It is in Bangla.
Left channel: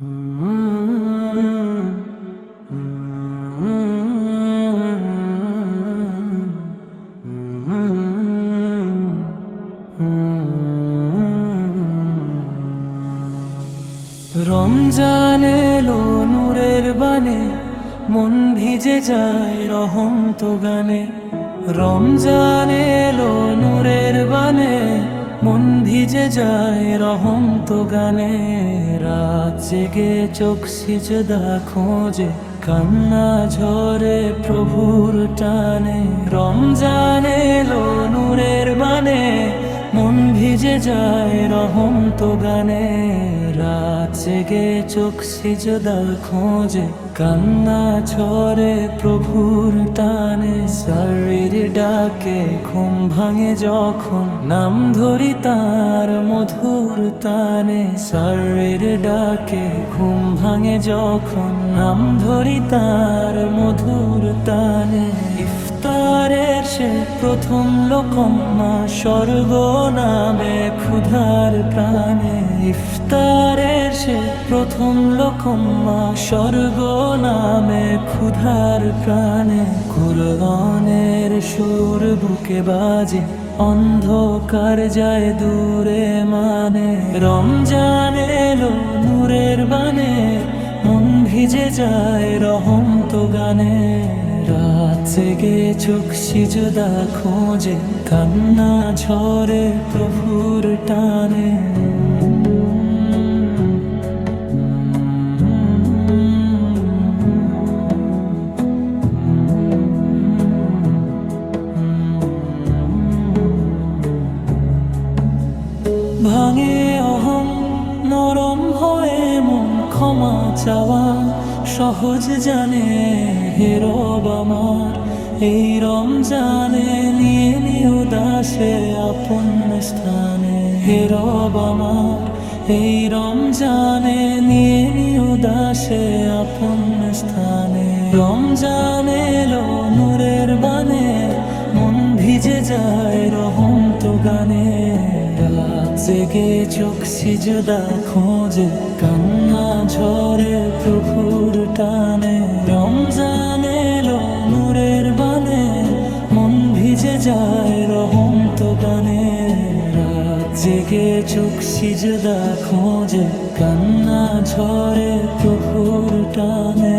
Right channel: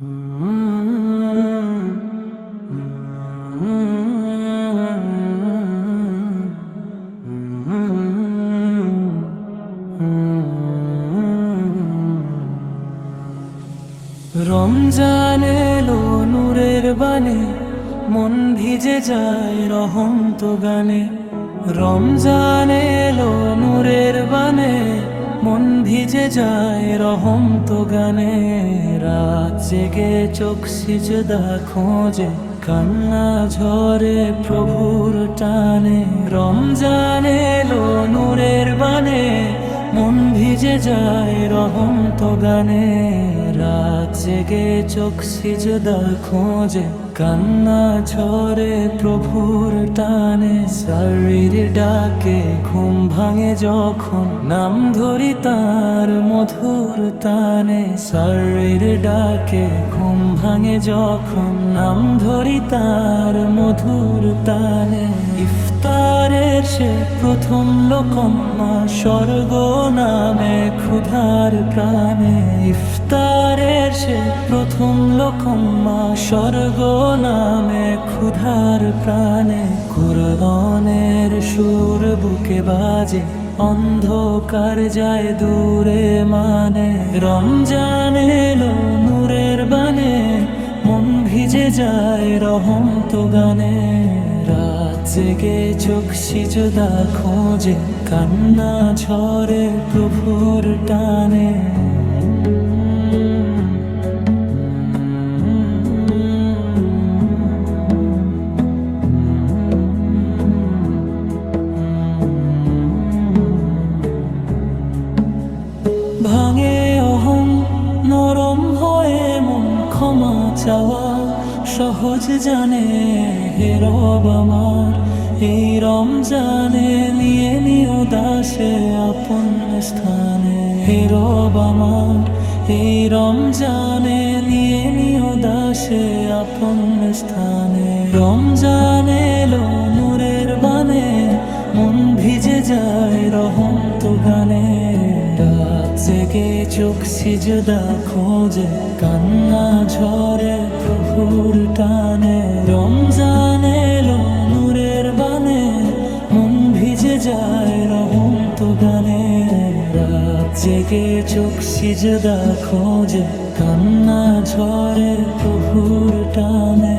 রমজান এলো নূরের বানে, মন ভিজে যায় রহমত গানে। রমজান এলো নূরের বানে, মন ভিজে যায় রহমত গানে। রাত জেগে চোখ সিজদা খোঁজে, কান্না ঝরে প্রভুর টানে। রমজান এলো নূরের বানে, মন ভিজে যায় রহমত গানে। রাত জেগে চোখ সিজদা খোঁজে, কান্না ঝরে প্রভুর টানে। সারির ডাকে ঘুম ভাঙে যখন, নাম ধরি তার মধুর তানে। সারির ডাকে ঘুম ভাঙে যখন, নাম ধরি তার মধুর তানে। ইফতারের সে প্রথম লোকম্মা, স্বর্গ নামে ক্ষুধার প্রাণে। ইফতারের সে প্রথম লোকম্মা, স্বর্গ নামে ক্ষুধার প্রাণে। কুরআনের সুর বুকে বাজে, অন্ধকার যায় দূরে মানে। রমজান এলো নূরের বানে, মন ভিজে যায় রহমত গানে। রাত জেগে চোখ সিজদা খোঁজে, কান্না ঝরে প্রভুর টানে। ভাঙে অহং, নরম হয়ে মন, ক্ষমা চাওয়া সহজ জানে। হে রব আমার, এই রমজানে নিয়ে নিও দাসে আপন স্থানে। হে রব আমার, এই রমজানে নিয়ে নিও দাসে আপন স্থানে। রমজান এলো নূরের বানে, মন ভিজে যায় রহমত গানে। রাত জেগে চোখ সিজদা খোঁজে, কান্না ঝরে প্রভুর টানে। রমজান এলো নূরের বানে, মন ভিজে যায় রহমত গানে। রাত জেগে চোখ সিজদা খোঁজে, কান্না ঝরে প্রভুর টানে।